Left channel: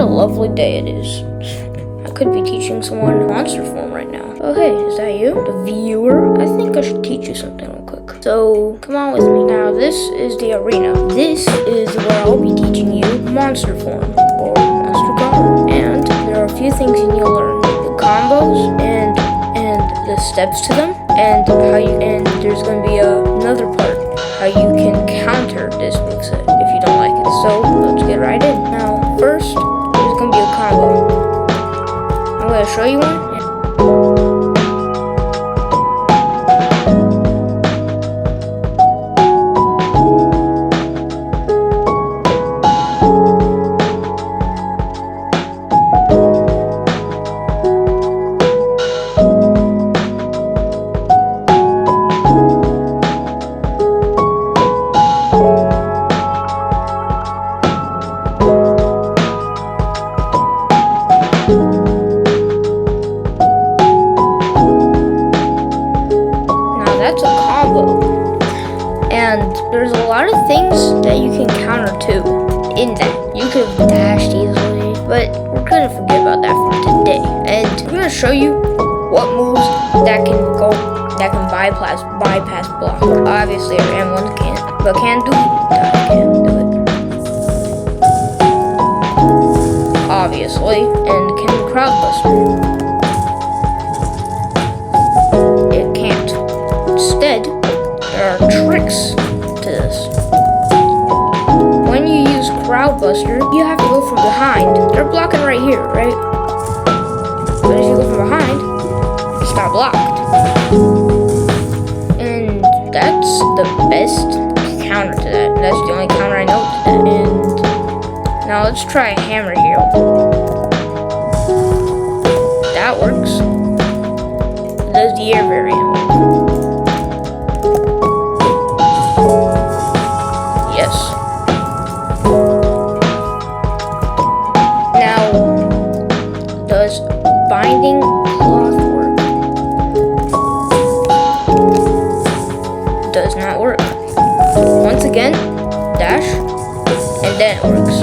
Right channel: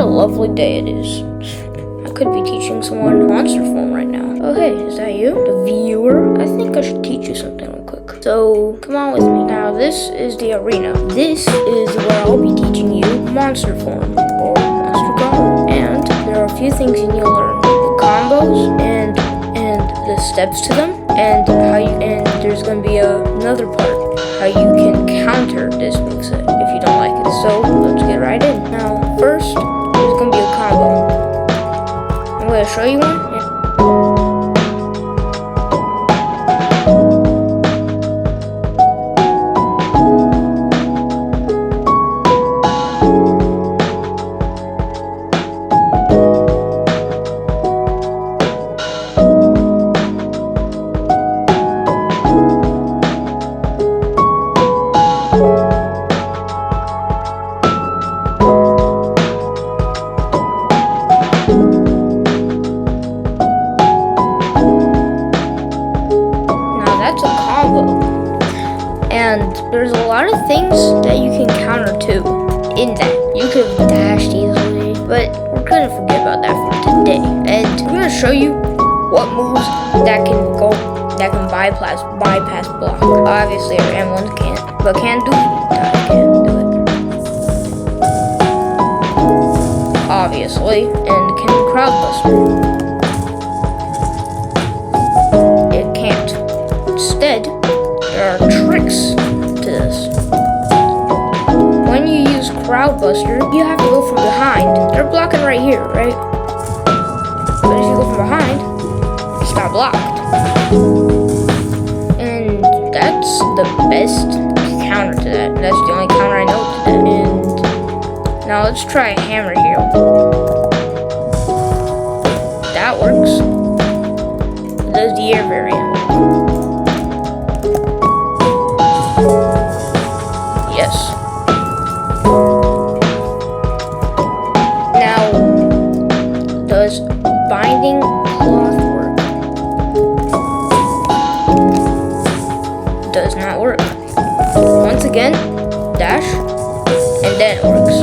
a lovely day it is. I could be teaching someone monster form right now. Oh hey, is that you? The viewer? I think I should teach you something real quick. So, come on with me. Now this is the arena. This is where I'll be teaching you monster form, or monster combo. And there are a few things you need to learn. The combos, and the steps to them, and there's gonna be another part, how you can counter this moveset if you don't like it. So, let's get right in. Now, first, there's gonna be a combo. I'm going to show you one. That's a combo, and there's a lot of things that you can counter too in that. You could have dashed easily, but we're gonna forget about that for today. And I'm gonna show you what moves that can bypass block. Obviously, our M1 can't, but can do it. Obviously, and can crowd buster. Instead, there are tricks to this. When you use Crowd Buster, you have to go from behind. They're blocking right here, right? But if you go from behind, it's not blocked. And that's the best counter to that. That's the only counter I know to that. And now let's try a hammer here. That works. Does the air variant work? Yes. Now, does binding cloth work? Does not work. Once again, dash, and then it works.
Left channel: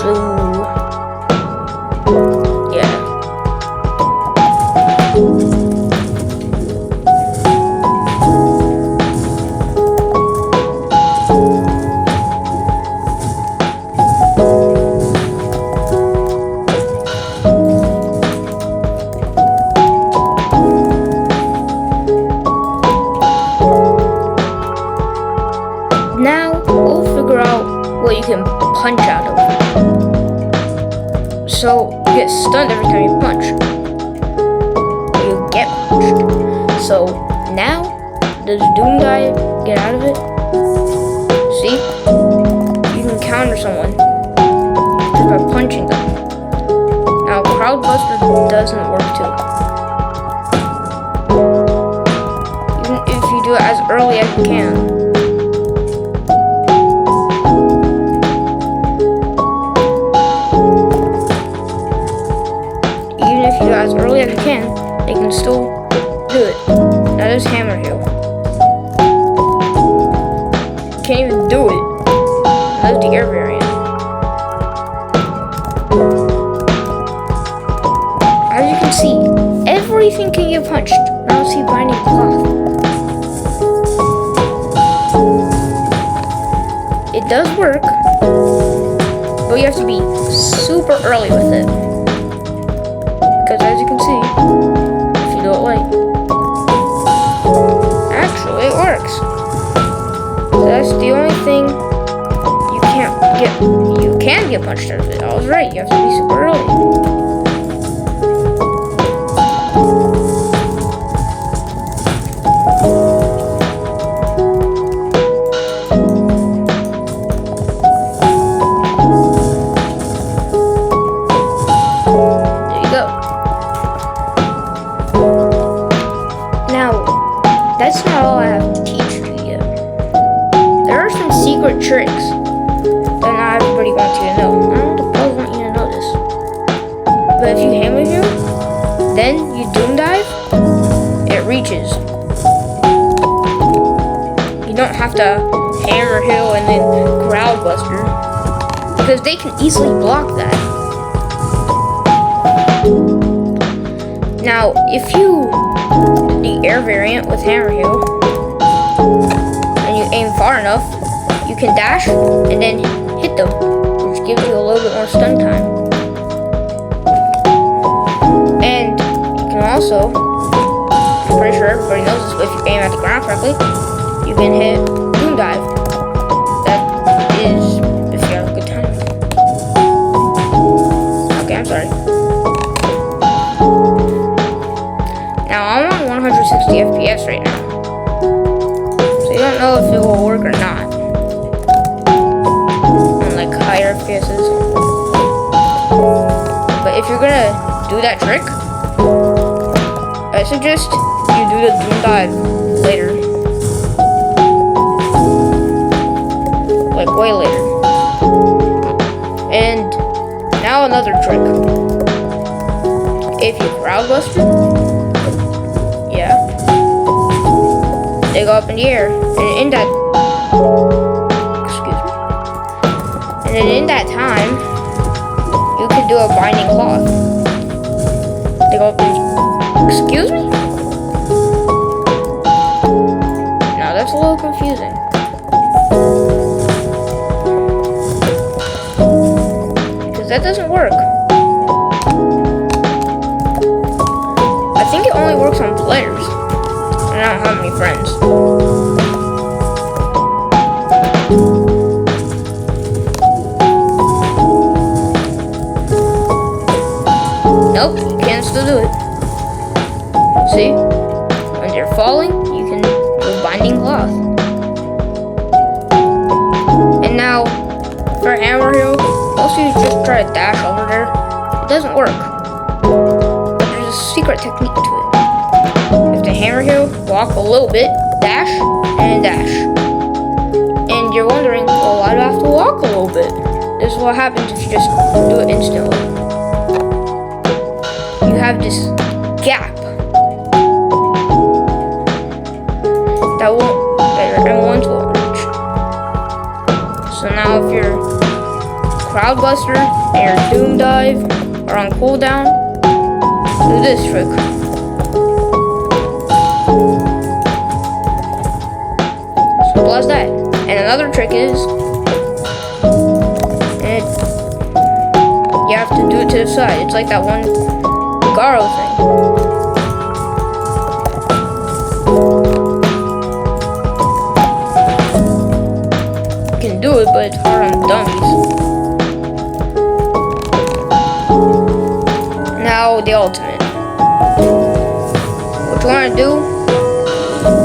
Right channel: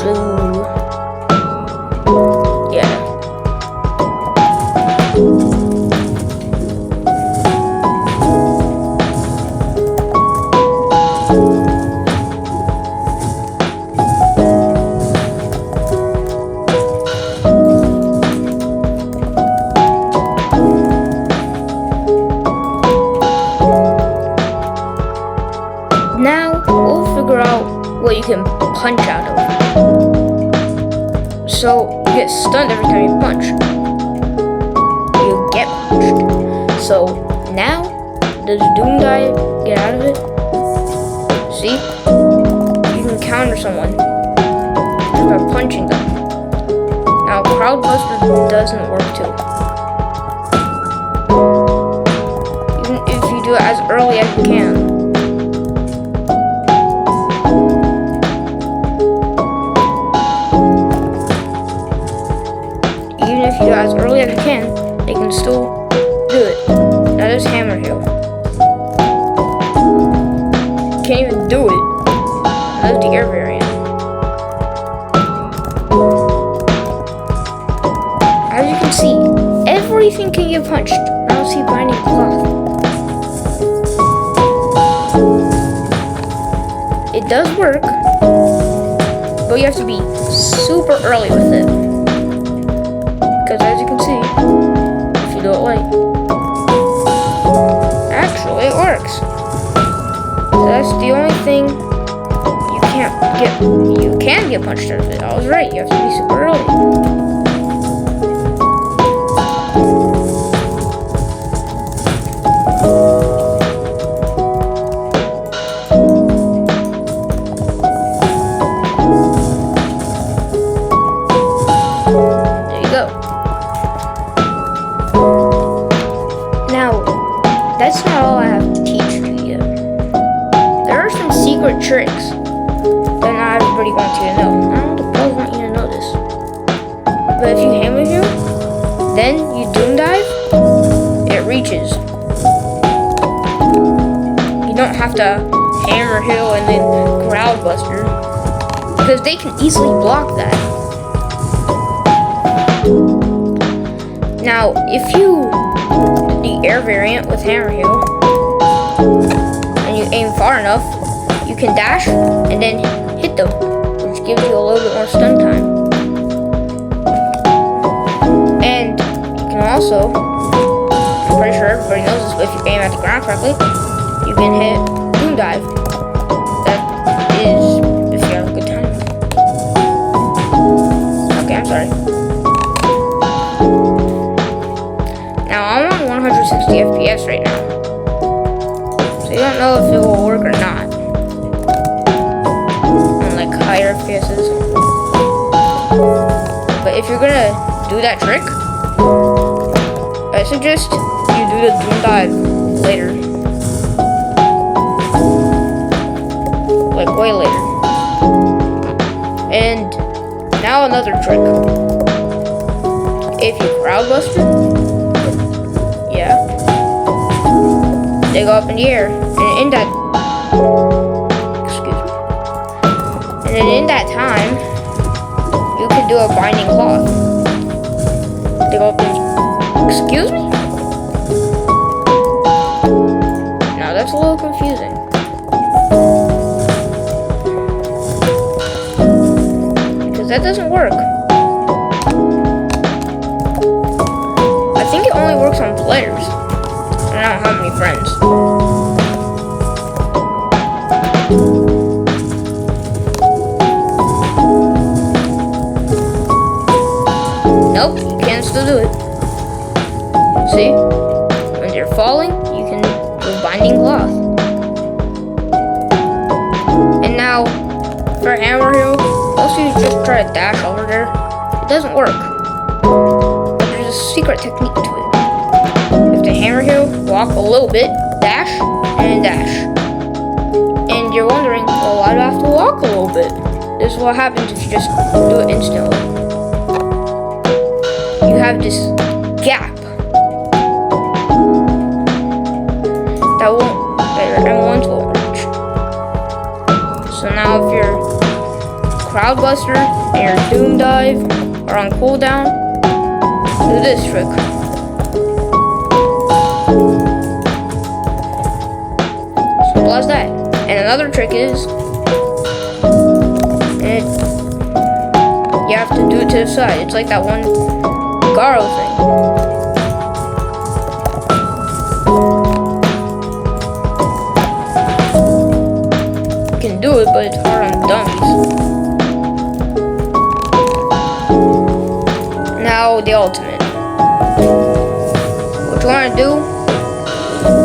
So, yeah. Now, we'll figure out what you can punch out of. So, you get stunned every time you punch. You get punched. So, now, does Doom Dive get out of it? See? You can counter someone just by punching them. Now, Crowd Buster doesn't work too. Even if you do it as early as you can. Even if you do it as early as you can, they can still do it. That is Hammer Hill. Can't even do it. That is the air variant. As you can see, everything can get punched. I don't see binding cloth. It does work, but you have to be super early with it. Because as you can see, if you do it late, actually it works. So that's the only thing you can't get. You can get punched out of it. I was right. You have to be super early. Now, that's not all I have to teach you yet. There are some secret tricks that not everybody wants you to know. I don't know want you to know this. But if you hammer him, then you Doom Dive, it reaches. you don't have to hammer hill and then crowd buster, because they can easily block that. Now, if you do the air variant with hammer hill and you aim far enough, you can dash and then hit them, which gives you a little bit more stun time. And you can also, I'm pretty sure everybody knows this, but if you aim at the ground correctly, you can hit Doom Dive. That is if you have a good time. Okay, I'm sorry. Now I'm on 160 FPS right now, so you don't know if it will work or not on like higher FPSs. But if you're gonna do that trick, I suggest you do the Doom Dive later. Like way later. And now another trick. If you crowd buster, yeah, they go up in the air, and in that, excuse me, and then in that time, you can do a binding cloth. They go up and, excuse me? Now that's a little confusing. Because that doesn't work. I think it only works on players. I don't have many friends. Nope, you can still do it. See? When you're falling, you can do binding cloth. And now, for hammer hill, most of you just try to dash over there. It doesn't work. But there's a secret technique to it. You have to hammer hill, walk a little bit, dash, and dash. And you're wondering, well, why do I have to walk a little bit? This is what happens if you just do it instantly. You have this gap that your M1s won't reach. So now if your crowd buster and your Doom Dive are on cooldown, do this trick. Simple as that. And another trick is, you have to do it to the side. It's like that one Garo thing. You can do it, but it's hard on dummies. Now the ultimate. What you want to do,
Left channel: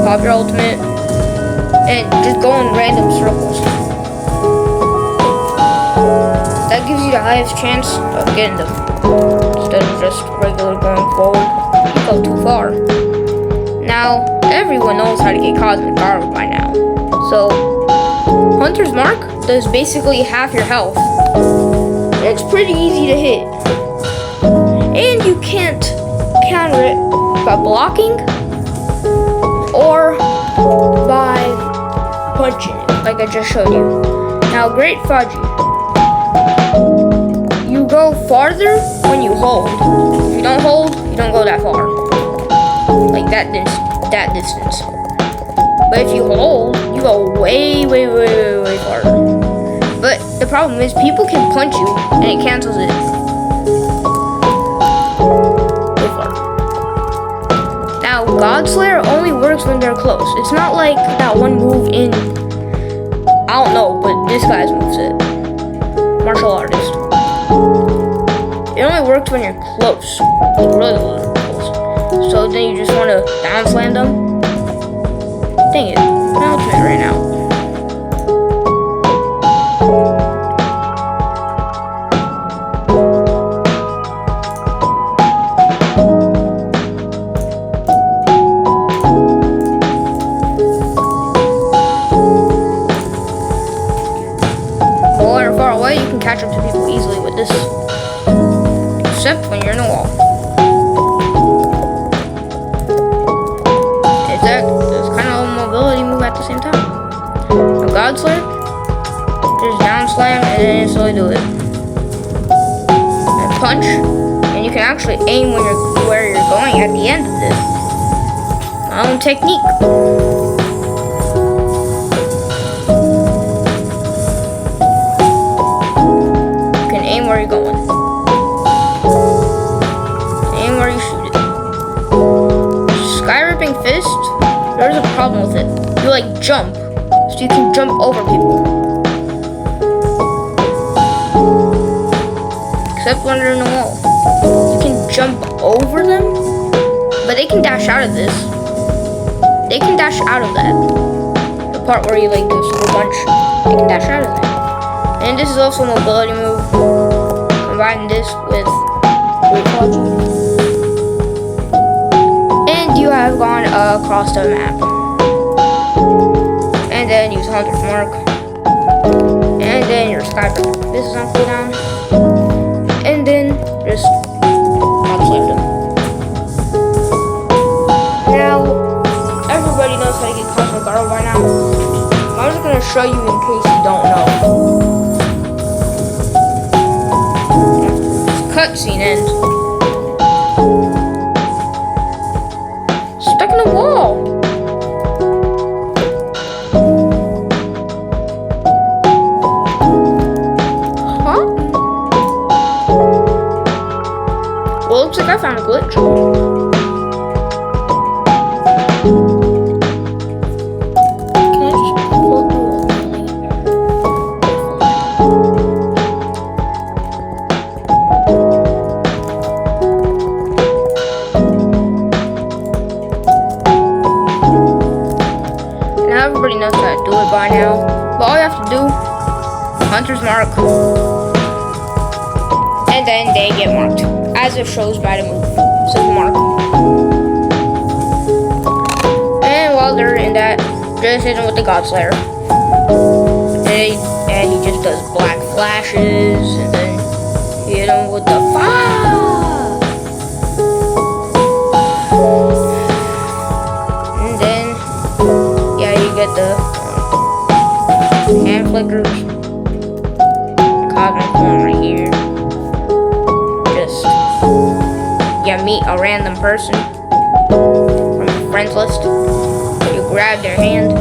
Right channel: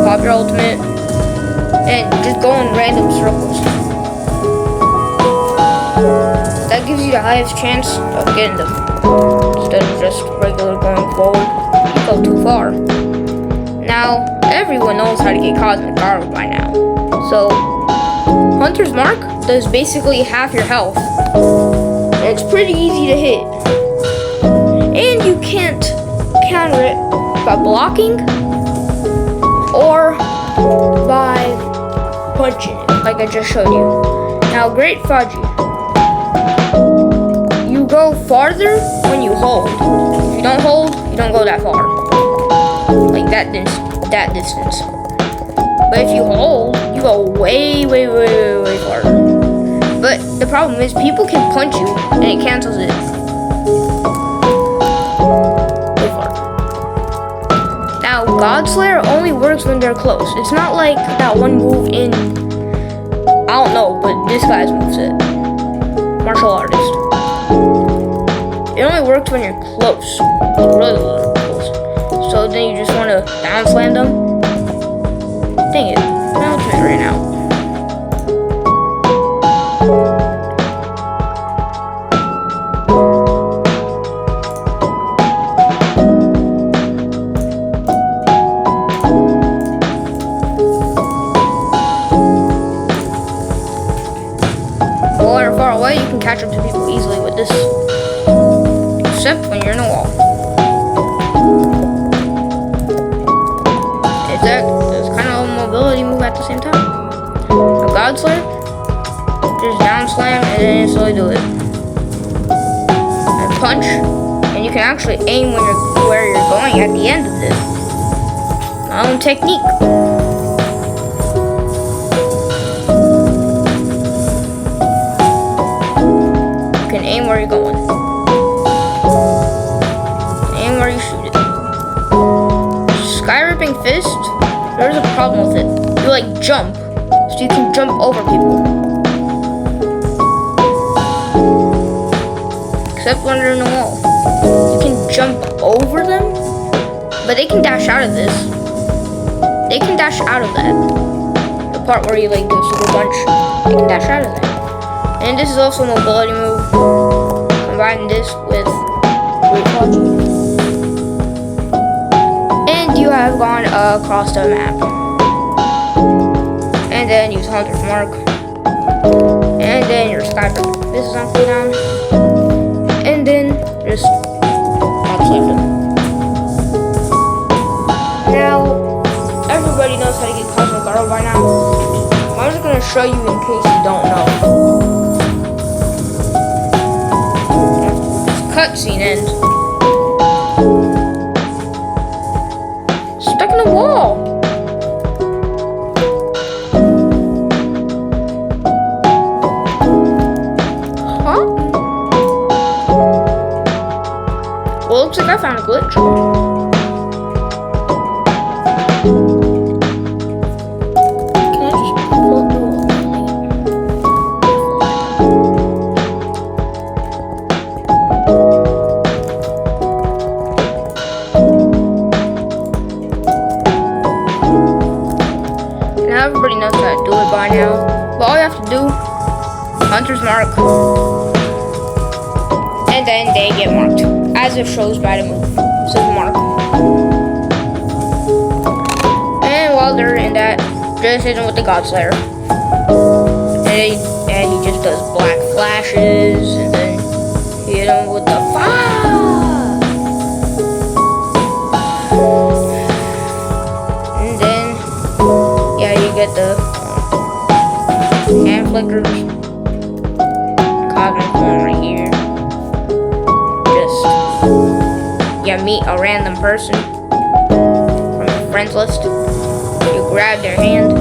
pop your ultimate and just go in random circles. That gives you the highest chance of getting them, instead of just regular going forward. You go too far. Now, everyone knows how to get Cosmic Garo by now. So, Hunter's Mark does basically half your health. And it's pretty easy to hit. And you can't counter it by blocking or by punching it, like I just showed you. Now, Great Fudgy. You go farther when you hold. If you don't hold, you don't go that far. Like that distance. But if you hold, you go way farther. But the problem is people can punch you and it cancels it. Way farther. Now, Godslayer only works when they're close. It's not like that one move in, I don't know, but this guy's moves it. Martial artist. It only works when you're close, like really close. So then you just want to down slam them. Dang it, my ultimate ran out. Well, when you're far away, you can catch up to people easily with this. Except when you're in a wall. It's kind of a mobility move at the same time. God Slayer, just down slam and then slowly do it. And punch, and you can actually aim when where you're going at the end of this. My own technique. You can aim where you're going. Aim where you shoot it. Sky Ripping Fist, there's a problem with it. You like jump, so you can jump over people. Except when they're in the wall. You can jump over them, but they can dash out of this. They can dash out of that. The part where you like do a super punch, they can dash out of that. And this is also a mobility move. Combine this with Great Quadri. And you have gone across the map. And then use Hunter's Mark. And then your Sky Rip. This is on cooldown. And then just God Slayer them. Now, everybody knows how to get Cosmic Arrow by now. I'm just gonna show you in case you don't know. This cutscene ends. Stuck in the wall. Huh? Well, looks like I found a glitch. Can I just pull through all Now everybody knows how to do it by now. But all you have to do, Hunter's Mark, and then they get marked, as it shows by the move. It says mark. And while they're in that, just hit him with the God Slayer. And he just does black flashes, and then hit him with the fire. And then, yeah, you get the hand flickers. Cosmic form right here. You meet a random person from your friends list. You grab their hand.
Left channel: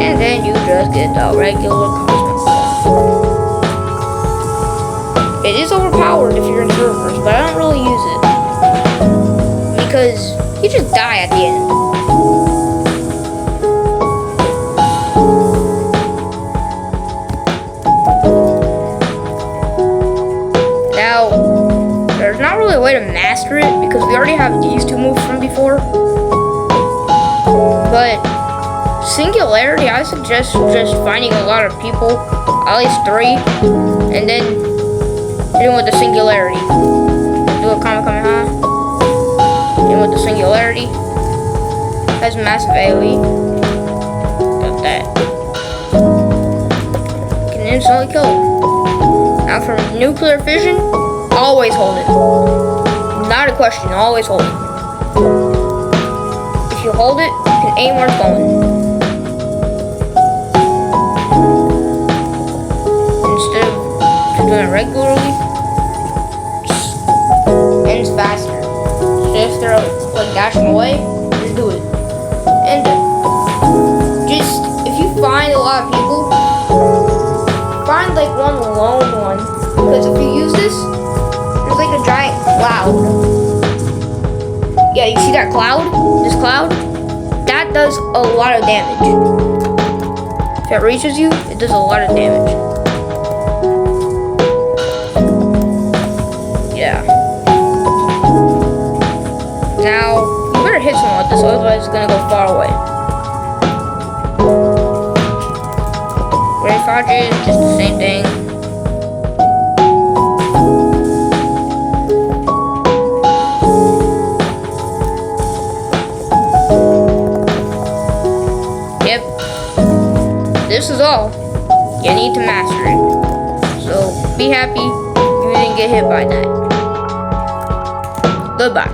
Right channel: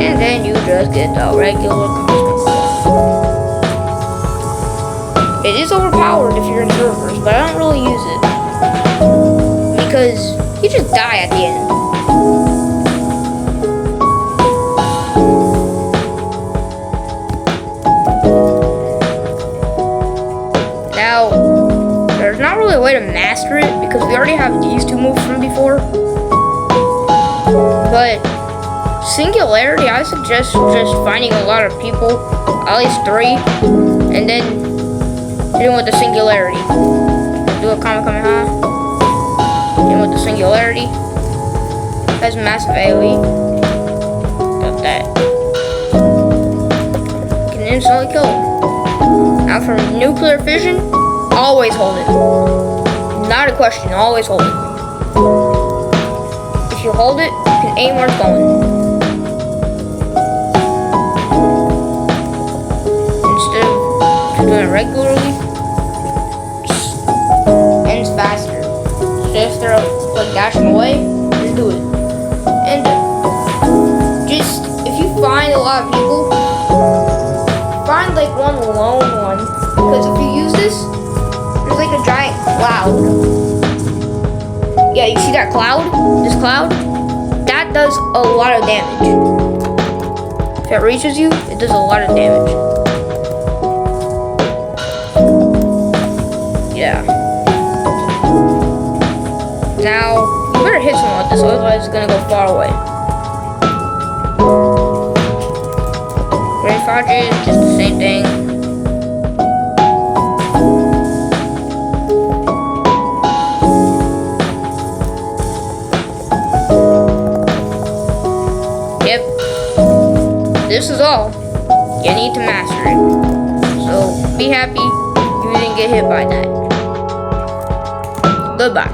And then you just get the regular Cosmic form. It is overpowered if you're in servers, but I don't really use it. Because you just die at the end. Now, there's not really a way to master it because we already have these two moves from before. But Singularity, I suggest just finding a lot of people, at least 3, and then hitting with the Singularity. Do a Kamehameha. Hitting with the Singularity. Has massive AoE. Got that. You can instantly kill him. Now for Nuclear Fission, always hold it. Not a question, always hold it. If you hold it, you can aim where it's going. Instead of doing it regularly, just ends faster. So if they're like dashing away, just do it. And just, if you find a lot of people, find like one lone one. Because if you use this, there's like a giant cloud. Yeah, you see that cloud? This cloud? That does a lot of damage. If it reaches you, it does a lot of damage. Yeah. Now, you better hit someone with this, otherwise it's gonna go far away. Great Quadri is just the same thing. Yep. This is all. You need to master it. So, be happy you didn't get hit by that. Goodbye.